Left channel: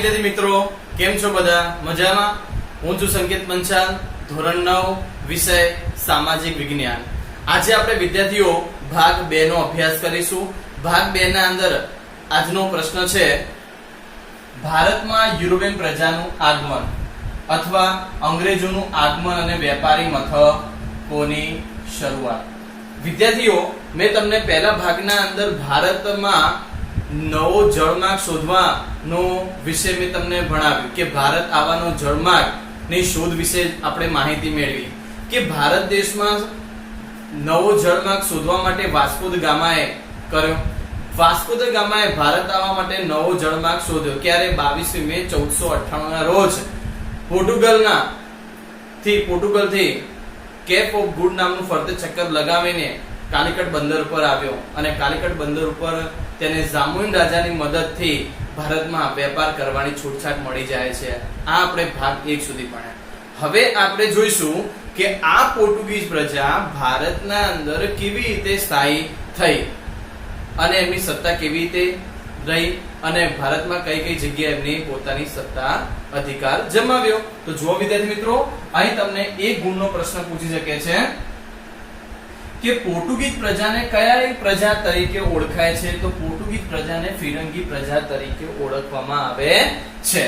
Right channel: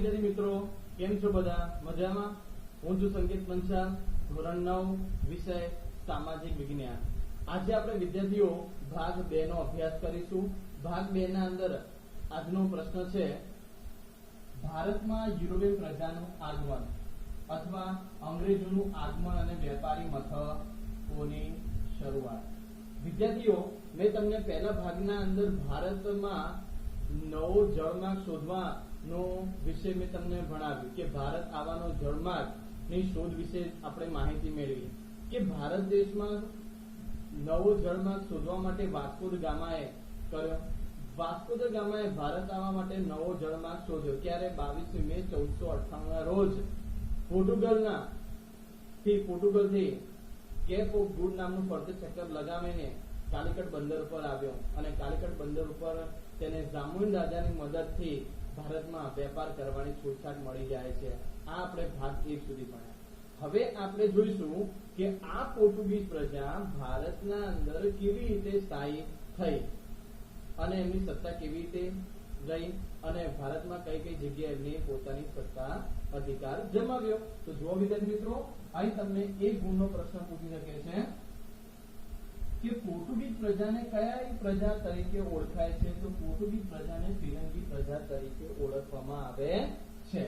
વિદ્યાર્થી મિત્રો, કેમ છો બધા? મજામાં? હું છું સંકેત પંચાલ, ધોરણ 9, વિષય સામાજિક વિજ્ઞાન. આજે આપણે વિદ્યાર્થીઓ ભાગ 2 નો અભ્યાસ કરીશું. ભાગ 2 ના અંદર આજનો પ્રશ્ન છે, ભારતમાં યુરોપિયન પ્રજાનું આગમન અથવા અંગ્રેજોનું આગમન અને વેપારી મથકોની શરૂઆત. વિદ્યાર્થીઓ, મેં તમને પહેલા ભાગના અંદર ભારતમાં નવો જળમાર્ગ શોધવાનો વિશે મેં તમને ભણાવ્યું કે ભારત આવવાનો જળમાર્ગની શોધ વિશે આપણે માહિતી મેળવી કે ભારત દેશમાં નવો જળમાર્ગ શોધવા માટે વાસ્કો દ ગામાએ કર્યો. વાસ્કો દ ગામાએ ભારત આવવા માટે નવો જળમાર્ગ શોધ્યો. ક્યારે? 22 મે 1498 ના રોજ પોર્ટુગલથી કેપ ઓફ ગુડ નામનું ફરતે ચક્કર લગાવીને કાલિકટ બંદર ઉપર આવ્યો અને કાલિકટ બંદર ઉપર તેને જામોઈન રાજાની મદદથી ભારતમાં વેપાર કરવાની છૂટછાટ મળી જાય છે. આ આપણે ભાગ 1 સુધી ભણ્યા. હવે આપણે જોઈશું કે આ પોર્ટુગીઝ પ્રજા ભારતના અંદર કેવી રીતે સ્થાયી થઈ અને એમની સત્તા કેવી રીતે રહી અને ભારતમાં કઈ કઈ જગ્યાએ એમની પોતાની સત્તા અધિકાર જમાવ્યો. તો જુઓ વિદ્યાર્થી મિત્રો, અહીં તમને એક ગુણનો પ્રશ્ન પૂછી શકે છે કે પોર્ટુગીઝ પ્રજાને કયા પ્રજા તરીકે ઓળખાય છે? તો પોર્ટુગીઝ પ્રજાને ફિરંગી પ્રજા તરીકે ઓળખવામાં આવે છે.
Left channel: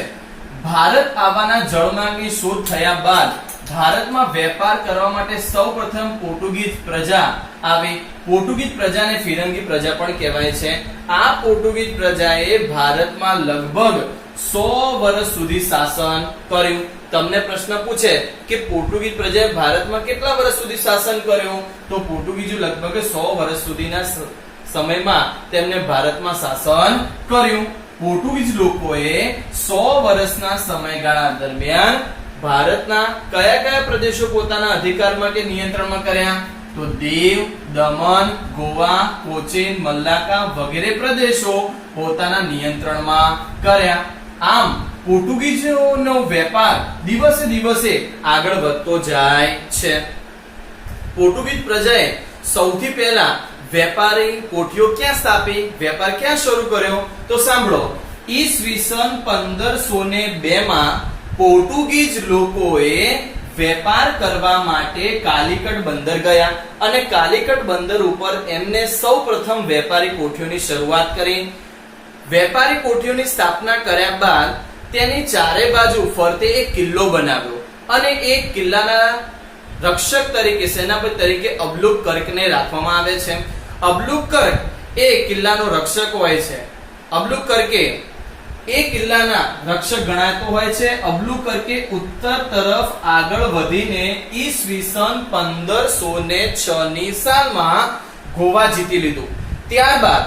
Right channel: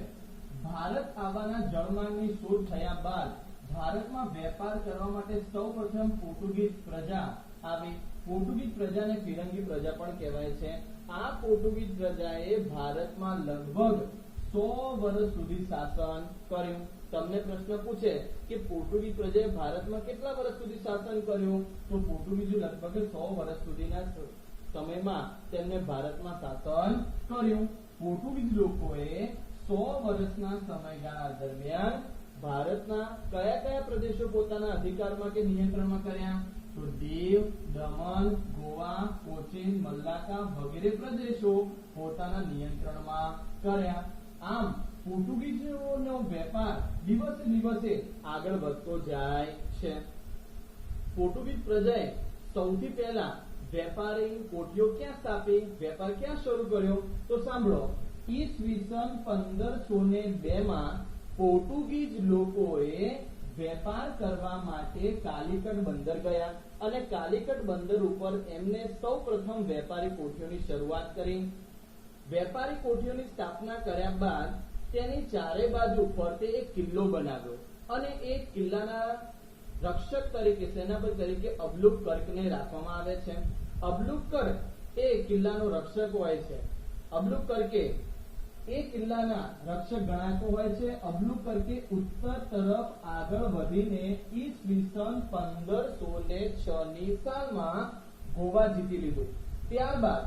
ભારત આવવાના જળમાર્ગની શોધ થયા બાદ ભારતમાં વેપાર કરવા માટે સૌપ્રથમ પોર્ટુગીઝ પ્રજા આવી. પોર્ટુગીઝ પ્રજાને ફિરંગી પ્રજા પણ કહેવાય છે. આ પોર્ટુગીઝ પ્રજાએ ભારતમાં લગભગ 100 વર્ષ સુધી શાસન કર્યું. તમને પ્રશ્ન પૂછે કે પોર્ટુગીઝ પ્રજાએ ભારતમાં કેટલા વર્ષ સુધી શાસન કર્યું? તો પોર્ટુગીઝો લગભગ 100 વર્ષ સુધીના સમયમાં તેમને ભારતમાં શાસન કર્યું. પોર્ટુગીઝ લોકોએ 100 વર્ષના સમયગાળા દરમિયાન ભારતના કયા કયા પ્રદેશો પોતાના અધિકારમાં કે નિયંત્રણમાં કર્યા? તો દીવ, દમણ, ગોવા, કોચીન, મલ્લાકા વગેરે પ્રદેશો પોતાના નિયંત્રણમાં કર્યા. આમ પોર્ટુગીઝોનો વેપાર દિવસે દિવસે આગળ વધતો જાય છે. પોર્ટુગીઝ પ્રજાએ સૌથી પહેલા વેપારી કોઠીઓ ક્યાં સ્થાપી? વેપાર ક્યાં શરૂ કર્યો? તો સાંભળો, ઈસવીસન 1502 માં પોર્ટુગીઝ લોકોએ વેપાર કરવા માટે કાલિકટ બંદર ગયા અને કાલિકટ બંદર ઉપર એમને સૌપ્રથમ વેપારી કોઠીઓની શરૂઆત કરી. વેપારી કોઠીઓની સ્થાપના કર્યા બાદ તેની ચારે બાજુ ફરતે એક કિલ્લો બનાવ્યો અને એક કિલ્લાના રક્ષક તરીકે, સેનાપતિ તરીકે અબલુક કર્કને રાખવામાં આવે છે. અબલુક કર્ક એ કિલ્લાનો રક્ષક હોય છે. અબલુક કર્કે એ કિલ્લાના રક્ષક ગણાતો હોય છે. અબલુક કર્કે ઉત્તર તરફ આગળ વધીને ઈસવીસન 1506 ની સાલમાં ગોવા જીતી લીધું. ત્યારબાદ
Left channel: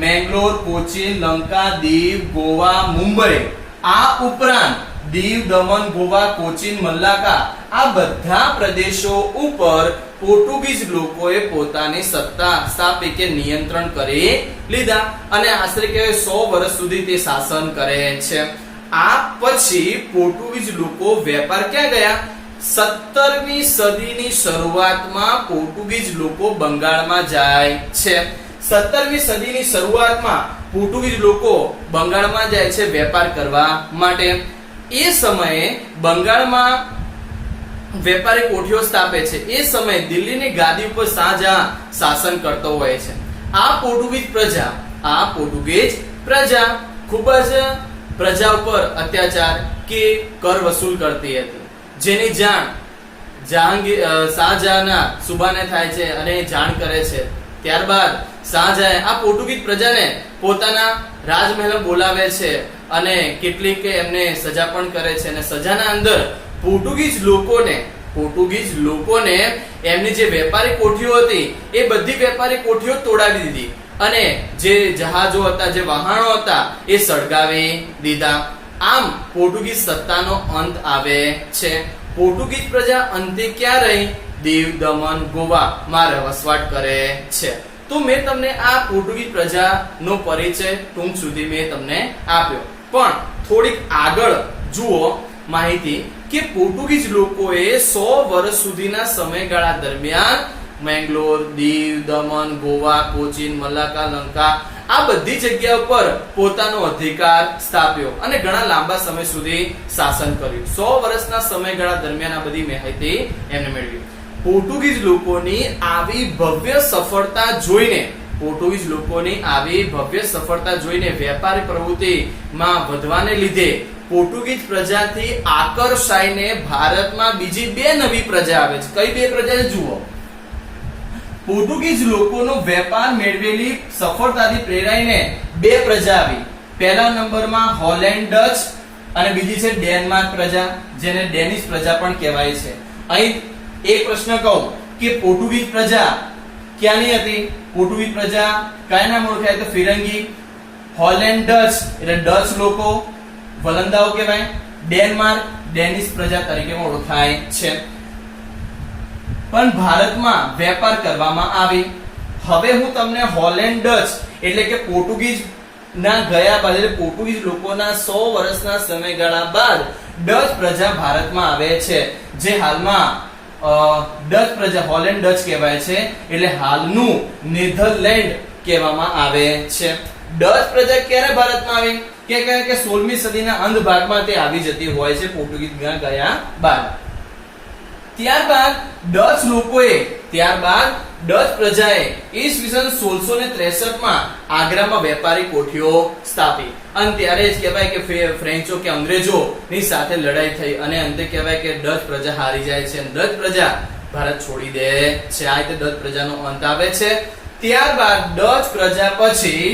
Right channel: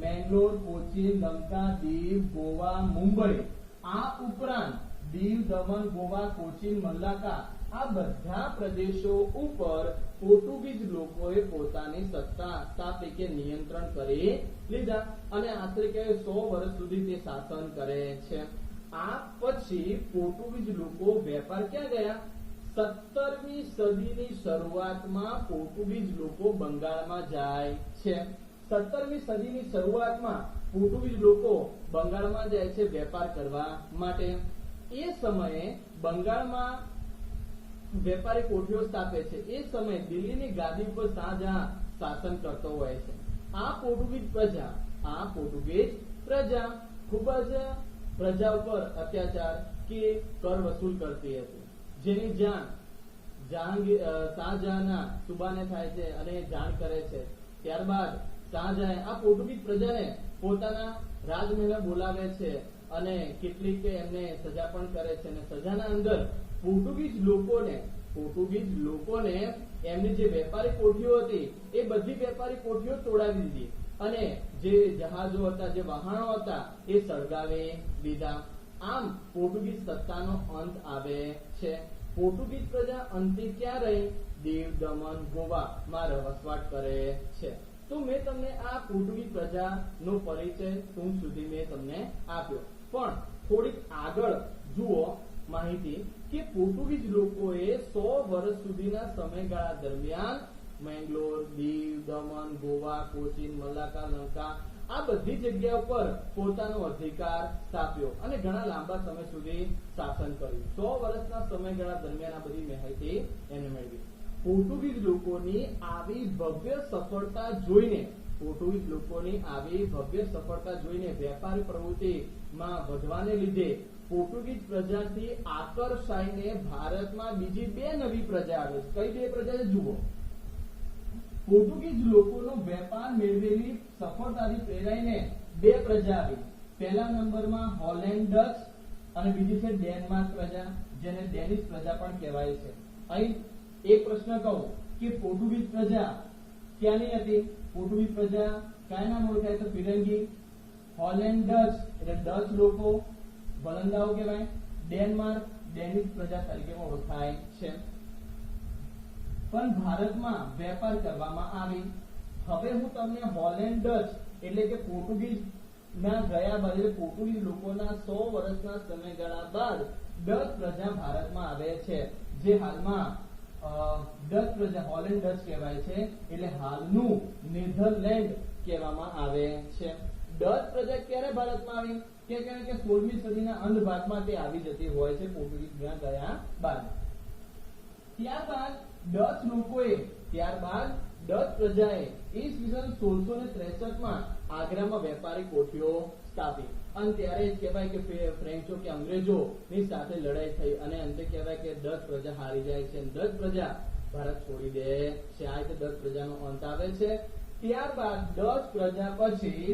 મેંગલોર, કોચીન, લંકા, દીવ, ગોવા, મુંબઈ, આ ઉપરાંત દીવ, દમણ, ગોવા, કોચીન, મલ્લાકા આ બધા પ્રદેશો ઉપર પોર્ટુગીઝ લોકોએ પોતાની સત્તા સ્થાપી કે નિયંત્રણ કરી લીધા અને આશરે 100 વર્ષ સુધી તે શાસન કરે છે. આ પછી પોર્ટુગીઝ લોકો વેપાર ક્યાં ગયા? 17મી સદીની શરૂઆતમાં પોર્ટુગીઝ લોકો બંગાળમાં જાય છે. 17મી સદીની શરૂઆતમાં પોર્ટુગીઝ લોકો બંગાળમાં જાય છે વેપાર કરવા માટે. એ સમયે બંગાળમાં વેપારી કોઠીઓ સ્થાપે છે. એ સમયે દિલ્હીની ગાદી ઉપર શાહજહાં શાસન કરતો હોય છે. આ પોર્ટુગીઝ પ્રજા ખૂબ જ પ્રજા ઉપર અત્યાચાર કે કર વસૂલ કરતી હતી, જેની જાણ શાહજહાંના સુબાને થાય છે અને જાણ કરે છે. ત્યારબાદ શાહજહાં આ પોર્ટુગીઝ પ્રજાને પોતાના રાજમહેલ બોલાવે છે અને કેટલીક એમને સજા પણ કરે છે અને સજાના અંદર પોર્ટુગીઝ લોકોને એમની જે વેપારી કોઠીઓ હતી એ બધી વેપારી કોઠીઓ તોડાવી દીધી અને જે જહાજો હતા, જે વહાણો હતા એ સળગાવી દીધા. આમ પોર્ટુગીઝ સત્તાનો અંત આવે છે. પોર્ટુગીઝ પ્રજા અંતે ક્યાં રહી? દીવ, દમણ, ગોવામાં વસવાટ કરે છે. તો મેં તમને આ પોર્ટુગીઝ પ્રજાનો પરિચય ટૂંક સુધી મેં તમને આપ્યો, પણ થોડીક આગળ જુઓ માહિતી કે પોર્ટુગીઝ લોકોએ 100 વર્ષ સુધીના સમયગાળા દરમિયાન મેંગલોર, દીવ, દમણ, ગોવા, કોચીન, મલાક્કા, લંકા આ બધી જગ્યા ઉપર પોતાનો અધિકાર સ્થાપ્યો અને ઘણા લાંબા સમય સુધી શાસન કર્યું. 100 વર્ષના સમયગાળા દરમિયાન આ બધી માહિતી એમને મેળવી. પોર્ટુગીઝ લોકોની આવી ભવ્ય સફળતા જોઈને વેપારી પ્રવૃત્તિમાં વધવાને લીધે પોર્ટુગીઝ પ્રજાથી આકર્ષાઈને ભારતમાં બીજી બે નવી પ્રજા આવે છે. કઈ બે પ્રજા જુઓ. પોર્ટુગીઝ લોકોનો વેપાર મેળવેલી સફળતાથી પ્રેરાઈને બે પ્રજા આવી. પહેલા નંબરમાં હોલેન્ડ ડચ અને બીજી છે ડેનમાર્ક પ્રજા, જેને ડેનિશ પ્રજા પણ કહેવાય છે. અહીં એક પ્રશ્ન કહું કે પોર્ટુગીઝ પ્રજા ક્યાંની હતી? પોર્ટુગીઝ પ્રજા કયા નામ ઓળખાય? તો ફિરંગી. હોલેન્ડ ડચ એટલે ડચ લોકો, વલંદાઓ કહેવાય. ડેનમાર્ક ડેનિશ પ્રજા તરીકે ઓળખાય છે. પણ ભારતમાં વેપાર કરવામાં આવી. હવે હું તમને હોલેન્ડ ડચ એટલે કે પોર્ટુગીઝ ના ગયા બાદ એટલે પોર્ટુગીઝ લોકોના 100 વર્ષના સમયગાળા બાદ ડચ પ્રજા ભારતમાં આવે છે, જે હાલમાં ડચ પ્રજા હોલેન્ડ ડચ કહેવાય છે, એટલે હાલનું નેધરલેન્ડ કહેવામાં આવે છે. ડચ પ્રજા ક્યારે ભારતમાં આવી? કે 16મી સદીના અંત ભાગમાં તે આવી જતી હોય છે પોર્ટુગીઝ ગયા બાદ. ત્યારબાદ ડચ પ્રજાએ ઈસવીસન 1663 માં આગ્રામાં વેપારી કોઠીઓ સ્થાપી અને ત્યારે જ કહેવાય કે ફ્રેન્ચો કે અંગ્રેજો ની સાથે લડાઈ થઈ અને અંતે કહેવાય કે ડચ પ્રજા હારી જાય છે અને ડચ પ્રજા ભારત છોડી દે છે. આ રીતે ડચ પ્રજાનો અંત આવે છે. ત્યારબાદ ડચ પ્રજા પછી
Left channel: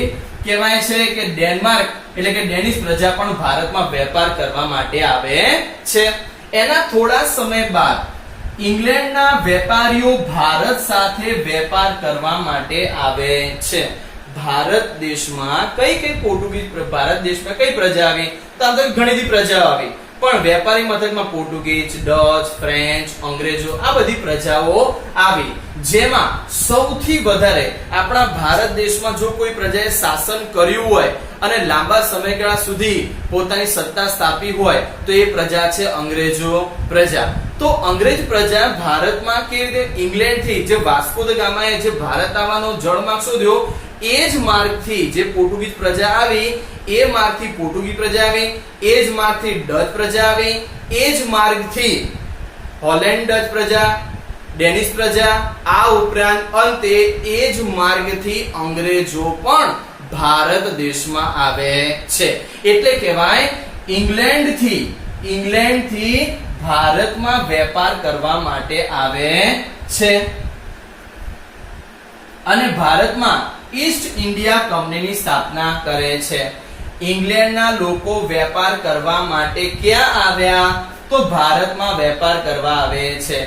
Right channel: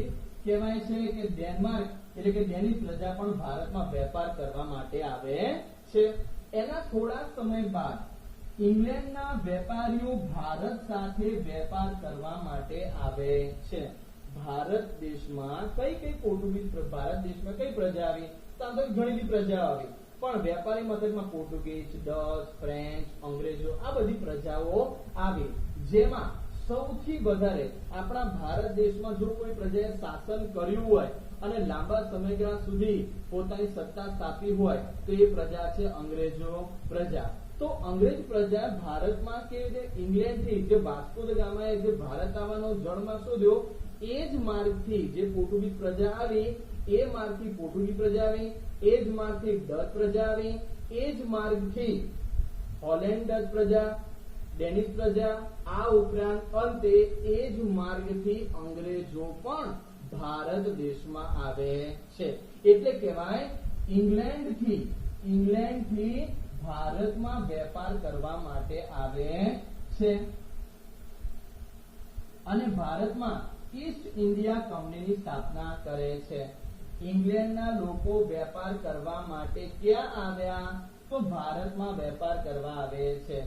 કહેવાય છે કે ડેનમાર્ક એટલે કે ડેનિશ પ્રજા પણ ભારતમાં વેપાર કરવા માટે આવે છે. એના થોડા સમય બાદ ઇંગ્લેન્ડના વેપારીઓ ભારત સાથે વેપાર કરવા માટે આવે છે. ભારત દેશમાં કઈ પ્રજા આવી? તો આમ તો ઘણી બધી પ્રજાઓ આવી, પણ વેપારી મથકમાં પોર્ટુગીઝ, ડચ, ફ્રેન્ચ, અંગ્રેજો આ બધી પ્રજાઓ આવી. જેમાં સૌથી વધારે આપણા ભારત દેશમાં જો કોઈ પ્રજાએ શાસન કર્યું હોય અને લાંબા સમયગાળા સુધી પોતાની સત્તા સ્થાપી હોય તો એ પ્રજા છે અંગ્રેજો પ્રજા. તો અંગ્રેજ પ્રજા ભારતમાં કેવી રીતે? ઇંગ્લેન્ડથી જે વાસ્કો દ ગામાએ જે ભારત આવવાનો જળમાર્ગ શોધ્યો એ જ માર્ગથી જે પોર્ટુગીઝ પ્રજા આવી એ માર્ગથી પોર્ટુગીઝ પ્રજા આવી, એ જ માર્ગથી ડચ પ્રજા આવી, એ જ માર્ગથી હોલેન્ડ ડચ પ્રજા, ડેનિશ પ્રજા, આ ઉપરાંત અંતે એ જ માર્ગથી અંગ્રેજો પણ ભારત દેશમાં આવે છે. એટલે કહેવાય ઇંગ્લેન્ડથી ભારતમાં વેપાર કરવા માટે આવે છે અને ભારતમાં ઈસ્ટ ઇન્ડિયા કંપનીની સ્થાપના કરે છે. ઇંગ્લેન્ડના લોકો વેપાર કરવા માટે ક્યાં આવ્યા? તો ભારતમાં વેપાર કરવા આવે છે.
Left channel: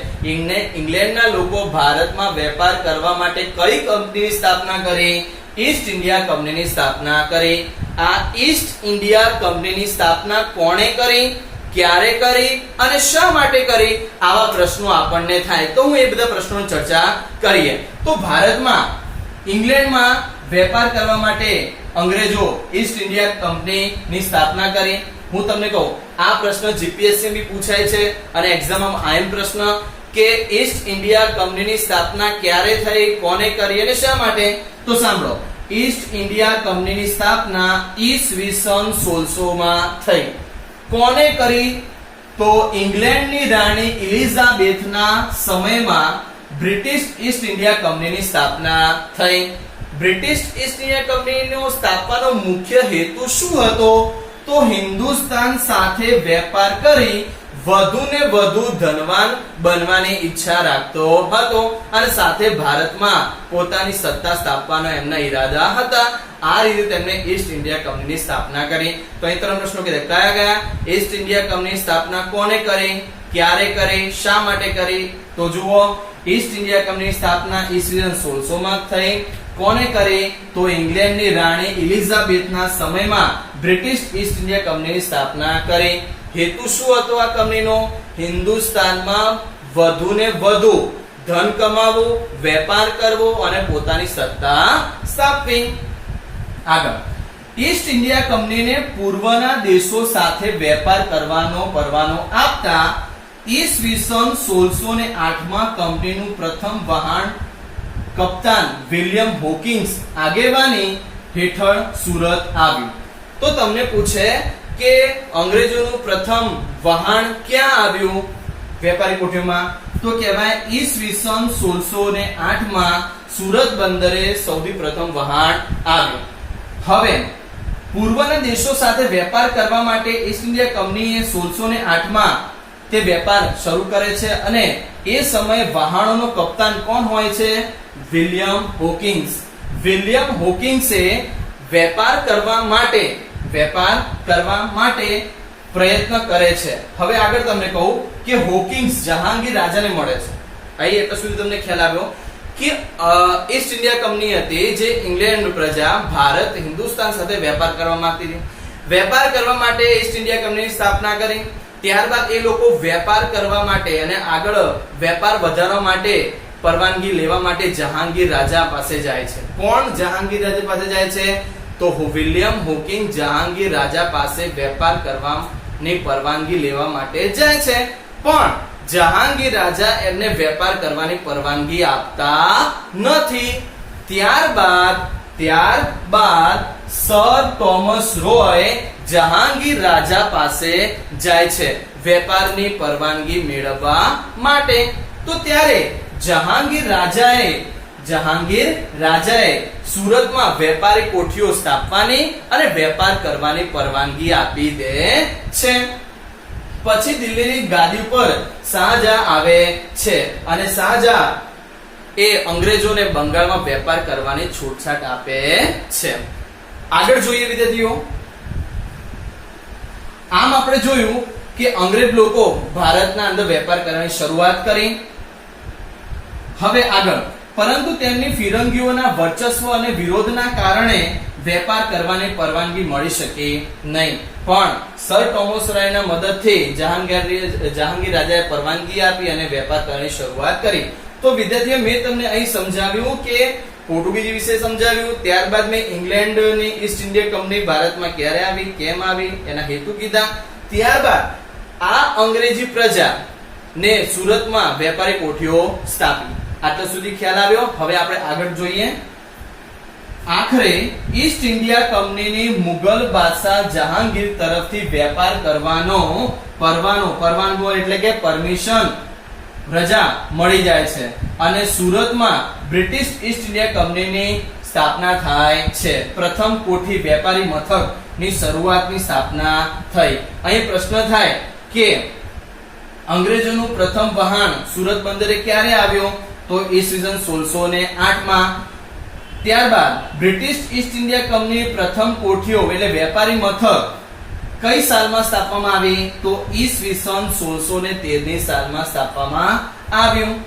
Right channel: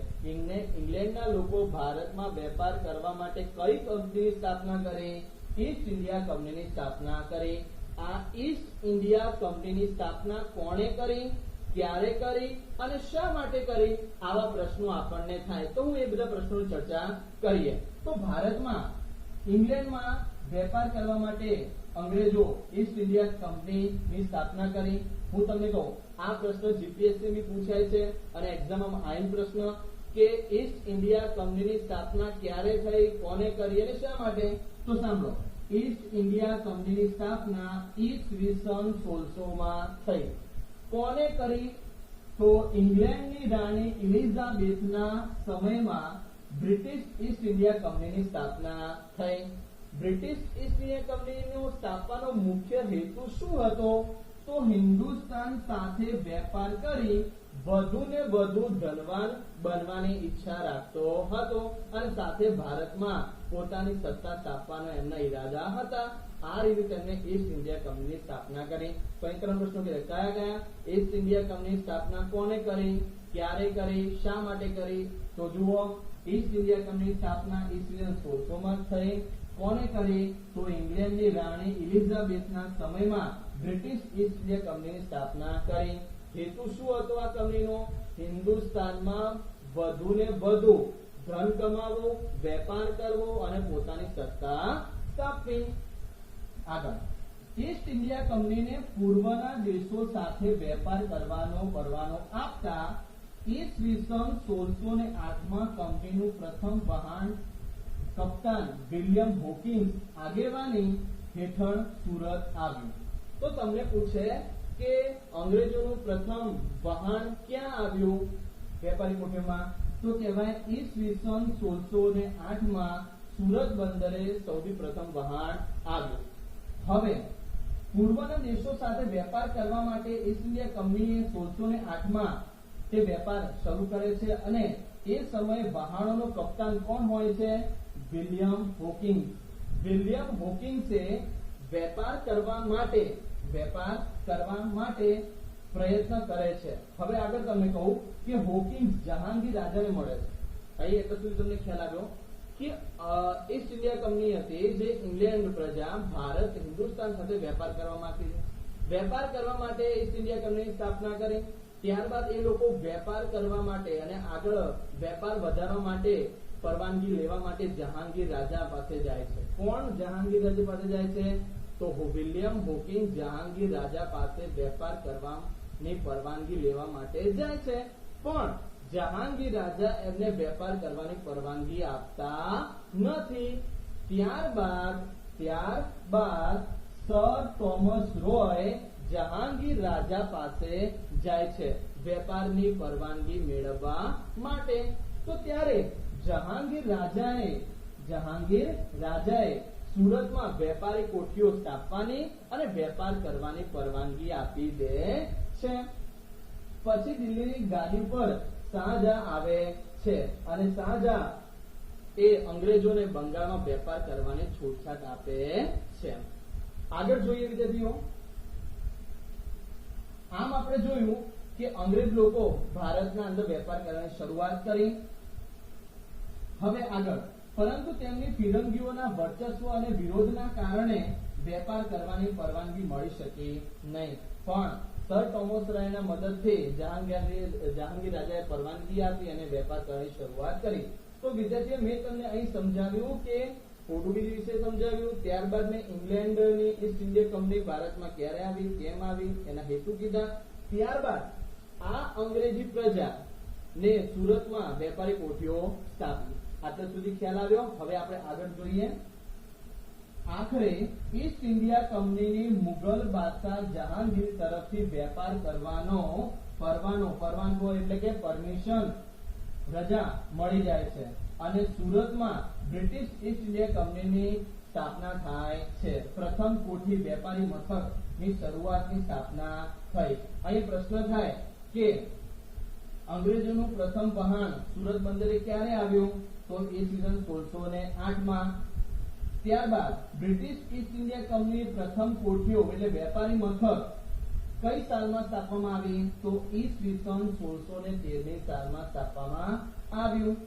ઇંગ્લેન્ડના લોકો ભારતમાં વેપાર કરવા માટે કઈ કંપનીની સ્થાપના કરી? ઈસ્ટ ઇન્ડિયા કંપનીની સ્થાપના કરી. આ ઈસ્ટ ઇન્ડિયા કંપનીની સ્થાપના કોણે કરી, ક્યારે કરી અને શા માટે કરી? આવા પ્રશ્નો આપણને થાય તો હું એ બધા પ્રશ્નોની ચર્ચા કરીએ. તો ભારતમાં ઇંગ્લેન્ડમાં વેપાર કરવા માટે અંગ્રેજો ઈસ્ટ ઇન્ડિયા કંપનીની સ્થાપના કરી. હું તમને કહું, આ પ્રશ્ન જીપીએસસી માં પૂછાય છે અને એક્ઝામમાં આયમ પ્રશ્ન કે ઈસ્ટ ઇન્ડિયા કંપનીની સ્થાપના ક્યારે થઈ, કોને કરી અને શા માટે? તો સાંભળો, ઈસ્ટ ઇન્ડિયા કંપનીની સ્થાપના ઈસવીસન 1600 માં થઈ. કોને કરી? તો ઇંગ્લેન્ડની રાણી એલિઝાબેથના સમયમાં બ્રિટિશ ઈસ્ટ ઇન્ડિયા કંપનીની સ્થાપના થઈ. બ્રિટિશ ઈસ્ટ ઇન્ડિયા કંપનીનો સ્થાપવાનો મુખ્ય હેતુ શું હતો? તો હિન્દુસ્તાન સાથે વેપાર કરી વધુને વધુ ધનવાન બનવાની ઈચ્છા રાખતો હતો અને સાથે ભારતમાં પોતાની સત્તા સ્થાપવાનો એમના ઈરાદા હતા. આ રીતે તેમણે ઈસ્ટ ઇન્ડિયા કંપનીની સ્થાપના કરી. તો અહીં ત્રણ પ્રશ્નો કયા કયા? ઈસ્ટ ઇન્ડિયા કંપનીની સ્થાપના કોને કરી, ક્યારે કરી, શા માટે કરી? તો જુઓ, ઈસ્ટ ઇન્ડિયા કંપનીની સ્થાપના ઈસવીસન 1600 માં થઈ. કોને કરી? તો ઇંગ્લેન્ડની રાણી એલિઝાબેથના સમયમાં બ્રિટિશ ઈસ્ટ ઇન્ડિયા કંપનીની સ્થાપના કરી. હેતુ શું હતો આ કંપનીનો? હિન્દુસ્તાનમાં વધુને વધુ ધન કમાવવું, વેપાર કરવો અને પોતાની સત્તા સ્થાપવી. આગળ, ઈસ્ટ ઇન્ડિયા કંપનીને પૂર્વના દેશો સાથે વેપાર કરવાનો પરવાનો આપતા ઈસવીસન 1608 માં કંપનીનું પ્રથમ વહાણ કપ્તાન વિલિયમ હોકિન્સ આગેવાની હેઠળ સુરત આવ્યું. તો તમને પૂછે કે અંગ્રેજોનું પ્રથમ વહાણ ક્યાં આવ્યું વેપારી કોઠીઓમાં, તો કહેવાય ઈસવીસન 1608 માં સુરત બંદરે સૌથી પ્રથમ વહાણ આવ્યું. હવે પૂર્વના દેશો સાથે વેપાર કરવા માટે ઈસ્ટ ઇન્ડિયા કંપનીએ 1608 માં તે વેપાર શરૂ કરે છે અને એ સમયે વહાણોનો કપ્તાન કોણ હોય છે? William Hawkings. વિલિયમ હોકિંગ્સે વેપાર કરવા માટે પ્રયત્ન કરે છે. હવે આગળ તમને કહું કે હોકિંગ્સ જહાંગીર રાજાને મળે છે. અહીં એટલા સુધી તમને ખ્યાલ આવ્યો કે ઈસ્ટ ઇન્ડિયા કંપની હતી જે ઇંગ્લેન્ડ પ્રજા ભારત હિન્દુસ્તાન સાથે વેપાર કરવા માંગતી હતી. વેપાર કરવા માટે ઈસ્ટ ઇન્ડિયા કંપનીની સ્થાપના કરી. ત્યારબાદ એ લોકો વેપાર કરવા માટે અને આગળ વેપાર વધારવા માટે પરવાનગી લેવા માટે જહાંગીર રાજા પાસે જાય છે. કોણ જહાંગીર રાજા પાસે જાય છે? તો વિલિયમ હોકિંગ જહાંગીર રાજા પાસે વેપાર કરવાની પરવાનગી લેવા માટે જાય છે, પણ જહાંગીર રાજા એમને વેપાર કરવાની પરવાનગી આપતા નથી. ત્યારબાદ સર થોમસ રોય જહાંગીર રાજા પાસે જાય છે વેપારની પરવાનગી મેળવવા માટે. તો ત્યારે જહાંગીર રાજાએ સુરતમાં વેપારી કોઠીઓ સ્થાપવાની અને વેપાર કરવાની પરવાનગી આપી દે છે. પછી દિલ્હીની ગાદી ઉપર શાહજહાં આવે છે અને શાહજહાં એ અંગ્રેજોને બંગાળમાં વેપાર કરવાની છૂટછાટ આપે છે. આગળ જોઈએ વિદ્યાર્થીઓ, આમ આપણે જોયું કે અંગ્રેજ લોકો ભારતના અંદર વેપાર કરવાની શરૂઆત કરી. હવે આગળ, પરંતુ તેમની ફિરંગીઓના વર્ચસ્વ અને વિરોધના કારણે વેપાર કરવાની પરવાનગી મળી શકી નહીં. પણ સર થોમસ રોયના મદદથી જહાંગીર રાજાએ પરવાનગી આપી અને વેપાર કરવાની શરૂઆત કરી. તો વિદ્યાર્થીઓ, મેં તમને અહીં સમજાવ્યું કે પોર્ટુગીઝ વિશે સમજાવ્યું, ત્યારબાદ મેં ઇંગ્લેન્ડની ઈસ્ટ ઇન્ડિયા કંપની ભારતમાં ક્યારે આવી, કેમ આવી, એના હેતુ કીધા. ત્યારબાદ આ અંગ્રેજી પ્રજા ને સુરતમાં વેપારી કોઠીઓ સ્થાપી. આટલા સુધી ખ્યાલ આવ્યો. હવે આપણે આગળ જોઈએ. આખરે ઈસ્ટ ઇન્ડિયા કંપનીની મુગલ બાદશાહ જહાંગીર તરફથી વેપાર કરવાનો પરવાનગો એટલે કે પરમિશન રજા મળી જાય છે અને સુરતમાં બ્રિટિશ ઈસ્ટ ઇન્ડિયા કંપનીની સ્થાપના થાય છે. પ્રથમ કોઠી વેપારી મથકની શરૂઆતની સ્થાપના થઈ. અહીં પ્રશ્ન થાય કે અંગ્રેજોનું પ્રથમ વહાણ સુરત બંદરે ક્યારે આવ્યો? તો ઈસવીસન 1608 માં. ત્યારબાદ બ્રિટિશ ઈસ્ટ ઇન્ડિયા કંપની પ્રથમ કોઠીઓ એટલે વેપારી મથક કઈ સાલમાં સ્થાપવામાં આવી? તો ઈસવીસન 1613 ની સાલમાં સ્થાપવામાં આવ્યું.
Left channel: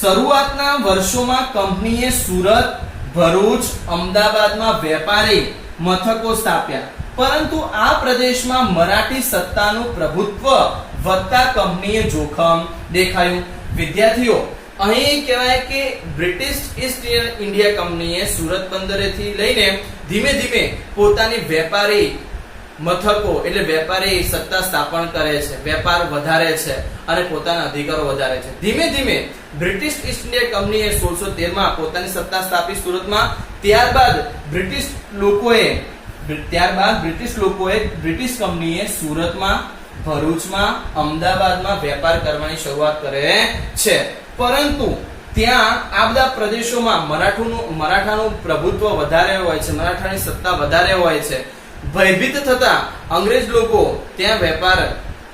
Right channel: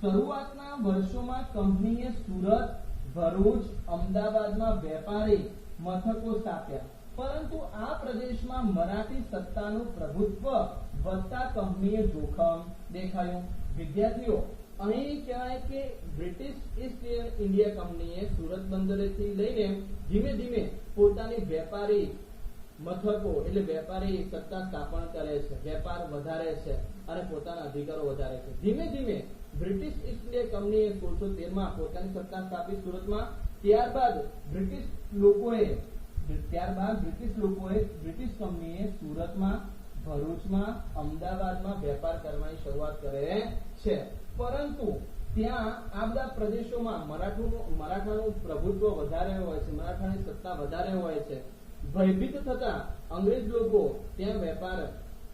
શરૂઆતના વર્ષોમાં કંપનીએ સુરત, ભરૂચ, અમદાવાદમાં વેપારી મથકો સ્થાપ્યા, પરંતુ આ પ્રદેશમાં મરાઠી સત્તાનું પ્રભુત્વ વધતા કંપનીએ જોખમ દેખાયું. વિદ્યાર્થીઓ, અહીં કહેવાય કે બ્રિટિશ ઈસ્ટ ઇન્ડિયા કંપનીએ સુરત બંદરેથી લઈને ધીમે ધીમે પોતાની વેપારી મથકો એટલે વેપારી સત્તા સ્થાપન કરે છે, વેપાર વધારે છે અને પોતાના અધિકારો વધારે છે. ધીમે ધીમે બ્રિટિશ ઈસ્ટ ઇન્ડિયા કંપનીએ 1613 માં પોતાની સત્તા સ્થાપી સુરતમાં. ત્યારબાદ બ્રિટિશ લોકોએ બ્રિટિશ કંપનીએ સુરતમાં, ભરૂચમાં, અમદાવાદમાં વેપાર કરવાની શરૂઆત કરે છે. પરંતુ ત્યાં આ બધા પ્રદેશોમાં મરાઠાનું પ્રભુત્વ વધારે હોય છે, મરાઠાની સત્તા વધારે હોય છે. ભયભીત થતા અંગ્રેજ લોકો ત્યાં વેપાર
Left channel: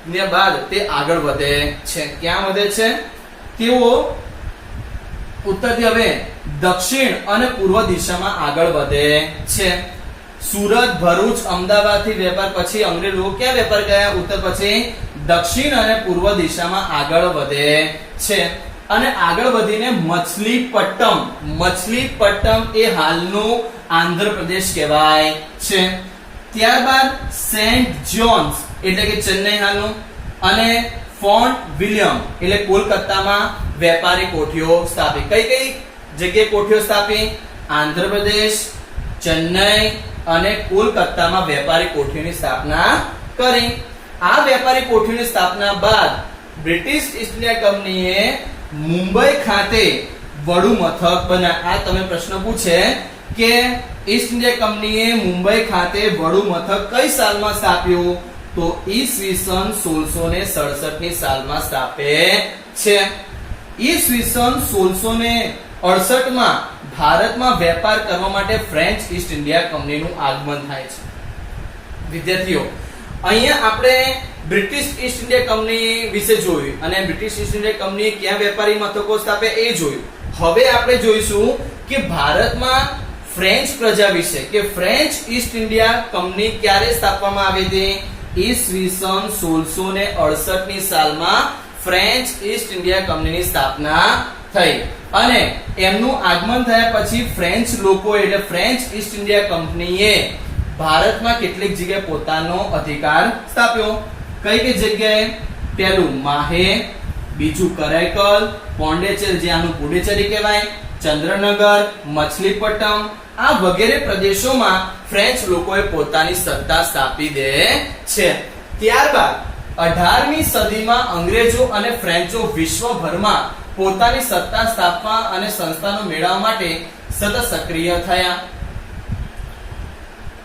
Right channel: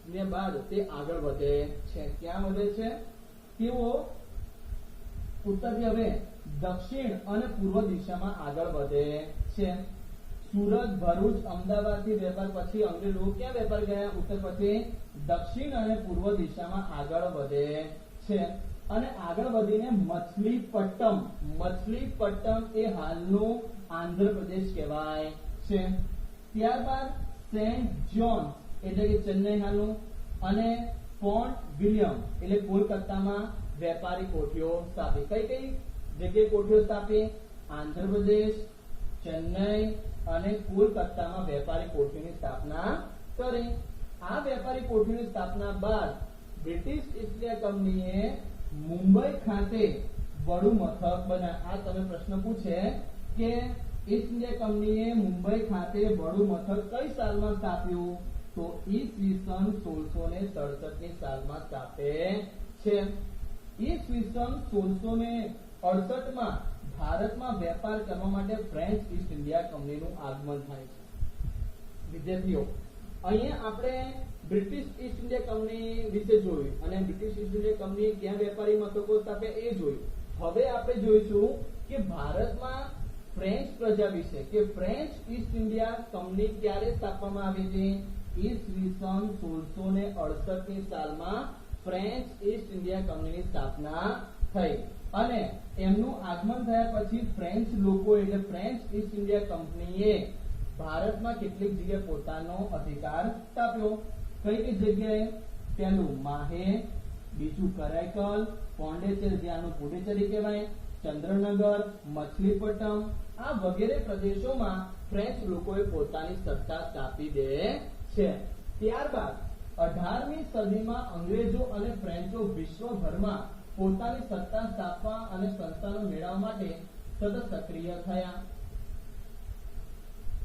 ને બાદ તે આગળ વધે છે. ક્યાં વધે છે? તેઓ ઉત્તરથી હવે દક્ષિણ અને પૂર્વ દિશામાં આગળ વધે છે. સુરત, ભરૂચ, અમદાવાદ થી વેપાર પછી અંગ્રેજ લોકો ક્યાં વેપાર ગયા? ઉત્તર પછી દક્ષિણ અને પૂર્વ દિશામાં આગળ વધે છે અને આગળ વધીને મછલીપટ્ટમ એ હાલનું આંધ્રપ્રદેશ કહેવાય છે. ત્યારબાદ સેન્ટ જોન્સ એટલે કે ચેન્નઈ હાલનું અને ફોર્ટ વિલિયમ એટલે કોલકાતામાં વેપારી કોઠીઓ સ્થાપી. કઈ જગ્યાએ કોઠીઓ સ્થાપી? આંધ્રપ્રદેશ, ચેન્નઈ અને કોલકાતામાં વેપારી કોઠીઓની સ્થાપના કરી. આ વેપારી કોઠીઓની સ્થાપના બાદ બ્રિટિશ ઈસ્ટ ઇન્ડિયા કંપનીએ મુંબઈ ખાતે વડુ મથક બનાવ્યું. આ તમે પ્રશ્ન પૂછે, કે ઈસ્ટ ઇન્ડિયા કંપનીએ મુંબઈ ખાતે વડુ મથક કઈ સાલમાં સ્થાપ્યું? તો ઈસવીસન 1667 ની સાલમાં સ્થાપે છે. ઈસવીસન 1668 માં ભારતમાં વેપાર કરવા માટે ફ્રેન્ચ ઈસ્ટ ઇન્ડિયા કંપનીનું આગમન થાય છે. વિદ્યાર્થીઓ, અહીંયા આપણે બ્રિટિશ ઈસ્ટ ઇન્ડિયા કંપની વિશે જોયું અને બ્રિટિશ ઈસ્ટ ઇન્ડિયા કંપનીએ ક્યાં વેપારી મથકો સ્થાપ્યા એ જોયું. હવે આપણે જોઈશું કે ભારતમાં ફ્રેન્ચ પ્રજા વિશે, કે ફ્રેન્ચ ઈસ્ટ ઇન્ડિયા કંપની ક્યારે સ્થાપવામાં આવી હતી? ઈસવીસન 1668 ની સાલમાં ફ્રેન્ચ ઈસ્ટ ઇન્ડિયા કંપનીની સ્થાપના થઈ અને એમનું આગમન થયા પછી ફ્રેન્ચ લોકો એટલે ફ્રેન્ચ ઈસ્ટ ઇન્ડિયા કંપનીએ ભારતમાં કેટલીક જગ્યાએ પોતાનો અધિકાર સ્થાપ્યો. કઈ કઈ જગ્યાએ? પહેલું માહે, બીજું કરાઈકલ, પોંડિચેરી જે આનું પુડુચેરી કહેવાય, ચંદ્રનગર, મછલીપટ્ટમ આ વગેરે પ્રદેશોમાં ફ્રેન્ચ લોકોએ પોતાની સત્તા સ્થાપી દે છે. ત્યારબાદ 18મી સદીમાં અંગ્રેજો અને ફ્રેન્ચો વિશ્વભરમાં પોતાની સત્તા સ્થાપવા અને સંસ્થાનો મેળવવા માટે સતત સક્રિય થયા.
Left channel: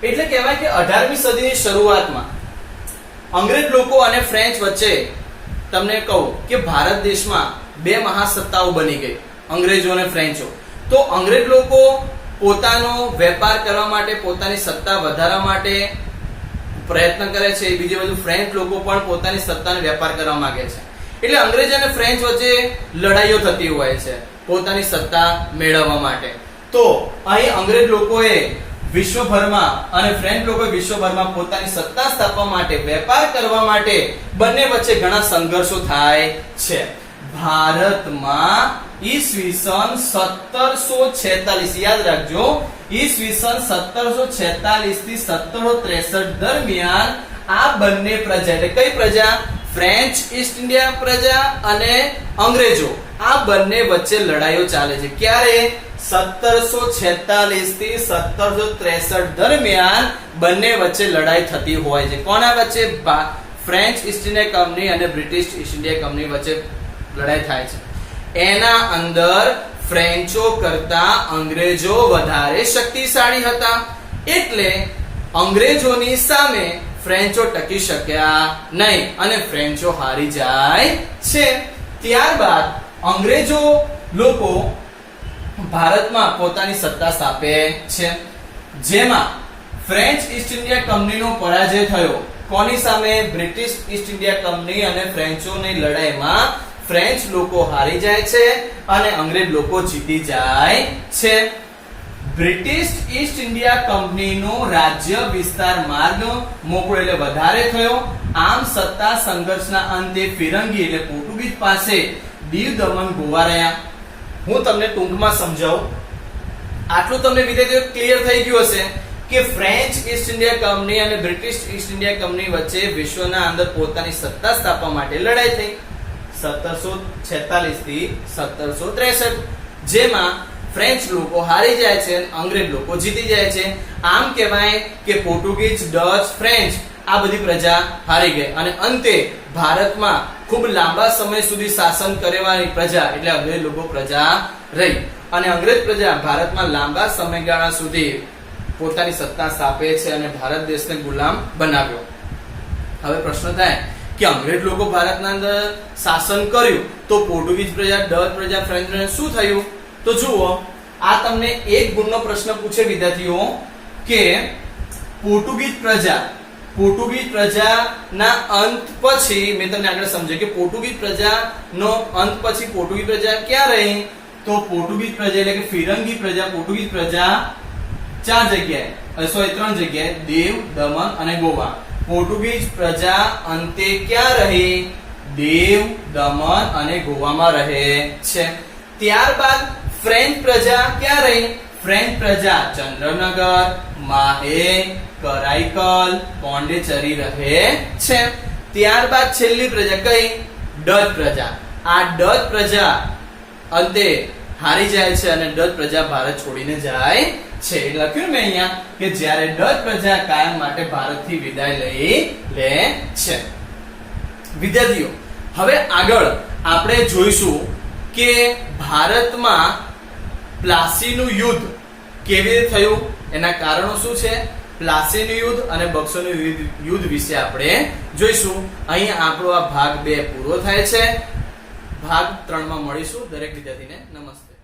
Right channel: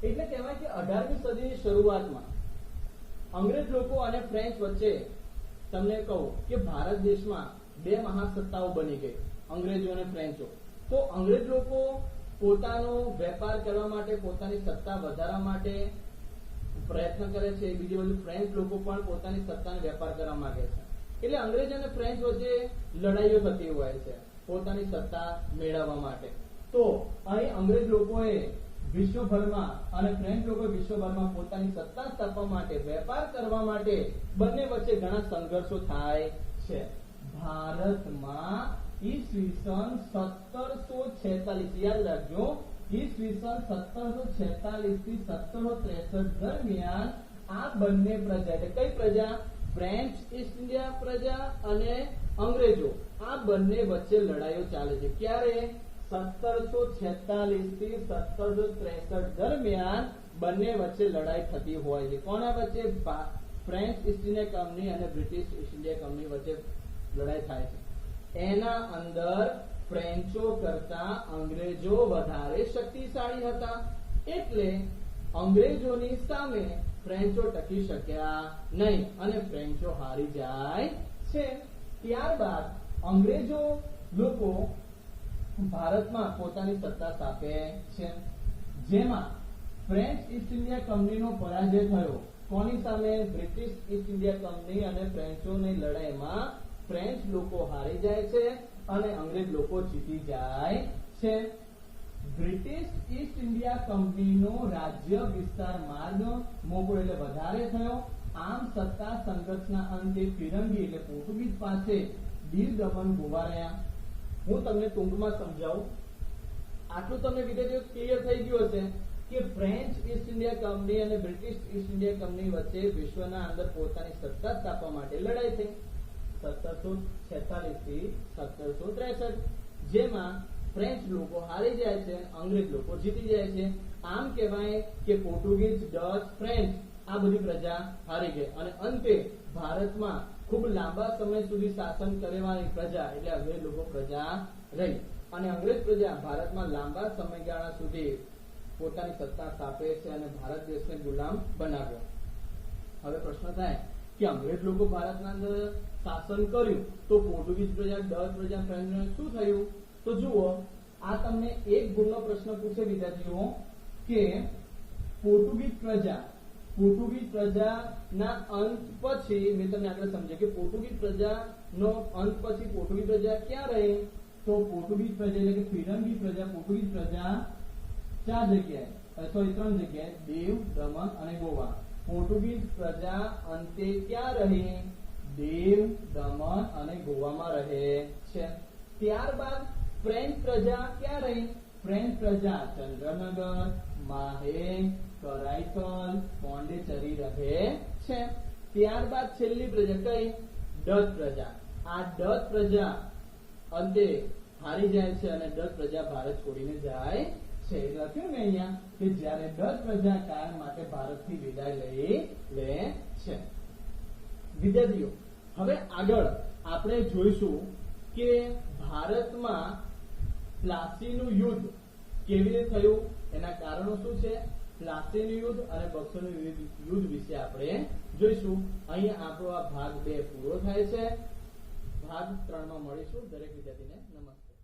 એટલે કહેવાય કે 18મી સદીની શરૂઆતમાં અંગ્રેજ લોકો અને ફ્રેન્ચ વચ્ચે તમને કહું કે ભારત દેશમાં બે મહાસત્તાઓ બની ગઈ, અંગ્રેજો અને ફ્રેન્ચો. તો અંગ્રેજ લોકો પોતાનો વેપાર કરવા માટે, પોતાની સત્તા વધારવા માટે પ્રયત્ન કરે છે, બીજી બાજુ ફ્રેન્ચ લોકો પણ પોતાની સત્તાનો વેપાર કરવા માંગે છે. એટલે અંગ્રેજ અને ફ્રેન્ચ વચ્ચે લડાઈઓ થતી હોય છે પોતાની સત્તા મેળવવા માટે. તો અહીં અંગ્રેજ લોકોએ વિશ્વભરમાં અને ફ્રેન્ચ લોકોએ વિશ્વભરમાં પોતાની સત્તા સ્થાપવા માટે, વેપાર કરવા માટે બંને વચ્ચે ઘણા સંઘર્ષો થાય છે. ભારતમાં ઈસવીસન 1746 યાદ રાખજો, ઈસવીસન 1746 થી 1763 દરમિયાન આ બંને પ્રજા એટલે કઈ પ્રજા? ફ્રેન્ચ ઈસ્ટ ઇન્ડિયા પ્રજા અને અંગ્રેજો આ બંને વચ્ચે લડાઈઓ ચાલે છે. ક્યારે? 1746 થી 1763 દરમિયાન બંને વચ્ચે લડાઈ થતી હોય છે. કોના વચ્ચે? ફ્રેન્ચ ઈસ્ટ ઇન્ડિયા કંપની અને બ્રિટિશ ઈસ્ટ ઇન્ડિયા કંપની વચ્ચે લડાઈ થાય છે. એના અંદર ફ્રેન્ચો કરતા અંગ્રેજો વધારે શક્તિશાળી હતા, એટલે અંગ્રેજોની સામે ફ્રેન્ચો ટકી શક્યા નહીં અને ફ્રેન્ચો હારી જાય છે. ત્યારબાદ અંગ્રેજો લોકો ભારતમાં પોતાની સત્તા સ્થાપે છે, જેમાં ફ્રેન્ચ ઈસ્ટ ઇન્ડિયા કંપનીનો પરાજય થયો. કોની સામે? બ્રિટિશ ઈસ્ટ ઇન્ડિયા કંપની અને ફ્રેન્ચોની લડાઈમાં ફ્રેન્ચ લોકો હારી જાય છે અને અંગ્રેજ લોકો જીતી જાય છે. બ્રિટિશ ઈસ્ટ ઇન્ડિયા કંપનીનો રાજ્ય વિસ્તાર માર્ગ મોકળો એટલે વધારે થયો. આમ સત્તા સંઘર્ષના અંતે ફિરંગી એટલે પોર્ટુગીઝ પાસે દીવ, દમણ, ગોવા રહ્યા. હું તમને ટૂંકમાં સમજાવું. આટલું તમને વિદ્યાર્થીઓ ક્લિયર થઈ ગયું હશે કે ફ્રેન્ચ ઈસ્ટ ઇન્ડિયા કંપની અને બ્રિટિશ ઈસ્ટ ઇન્ડિયા કંપની વચ્ચે વિશ્વના અંદર પોતાની સત્તા સ્થાપવા માટે લડાઈ થઈ 1746 થી 1763, જેમાં ફ્રેન્ચ લોકો હારી જાય છે અને અંગ્રેજ લોકો જીતી જાય છે. આમ કહેવાય કે પોર્ટુગીઝ, ડચ, ફ્રેન્ચ આ બધી પ્રજા હારી ગઈ અને અંતે ભારતમાં ખૂબ લાંબા સમય સુધી શાસન કરવાની પ્રજા એટલે અંગ્રેજ લોકો પ્રજા રહી અને અંગ્રેજ પ્રજા ભારતમાં લાંબા સમયગાળા સુધી પોતાની સત્તા સ્થાપે છે અને ભારત દેશને ગુલામ બનાવ્યો. હવે પ્રશ્ન થાય કે અંગ્રેજ લોકો ભારતના અંદર શાસન કર્યું તો પોર્ટુગીઝ પ્રજા, ડચ પ્રજા, ફ્રેન્ચ પ્રજા શું થયું? તો જુઓ, આ તમને એક ગુણનો પ્રશ્ન પૂછે વિદ્યાર્થીઓ કે પોર્ટુગીઝ પ્રજાના અંત પછી મેં તમને આગળ સમજાવ્યું કે પોર્ટુગીઝ પ્રજાનો અંત પછી પોર્ટુગીઝ પ્રજા ક્યાં રહી? તો પોર્ટુગીઝ પ્રજા એટલે કે ફિરંગી પ્રજા, પોર્ટુગીઝ પ્રજા ત્રણ જગ્યાએ દીવ, દમણ અને ગોવા. પોર્ટુગીઝ પ્રજા અંતે ક્યાં રહી? દીવ, દમણ અને ગોવામાં રહે છે. ત્યારબાદ ફ્રેન્ચ પ્રજા ક્યાં રહી? ફ્રેન્ચ પ્રજા ચંદ્રનગર, માહે, કરાઈકલ, પોંડિચેરી રહે છે. ત્યારબાદ છેલ્લી પ્રજા કઈ? ડચ પ્રજા. આ ડચ પ્રજા અંતે હારી જાય છે અને ડચ પ્રજા ભારત છોડીને જાય છે. એટલે લખ્યું મેં અહીંયા કે જ્યારે ડચ પ્રજા કાયમ માટે ભારતથી વિદાય લઈ લે છે. વિદ્યાર્થીઓ, હવે આગળ આપણે જોઈશું કે ભારતમાં પ્લાસીનું યુદ્ધ કેવી રીતે થયું, એના કારણો શું છે, પ્લાસીનું યુદ્ધ અને બક્સરનું યુદ્ધ વિશે આપણે જોઈશું. અહીં આપણો આ ભાગ 2 પૂરો થાય છે. ભાગ 3 માં મળીશું. દરેક વિદ્યાર્થીને નમસ્તે.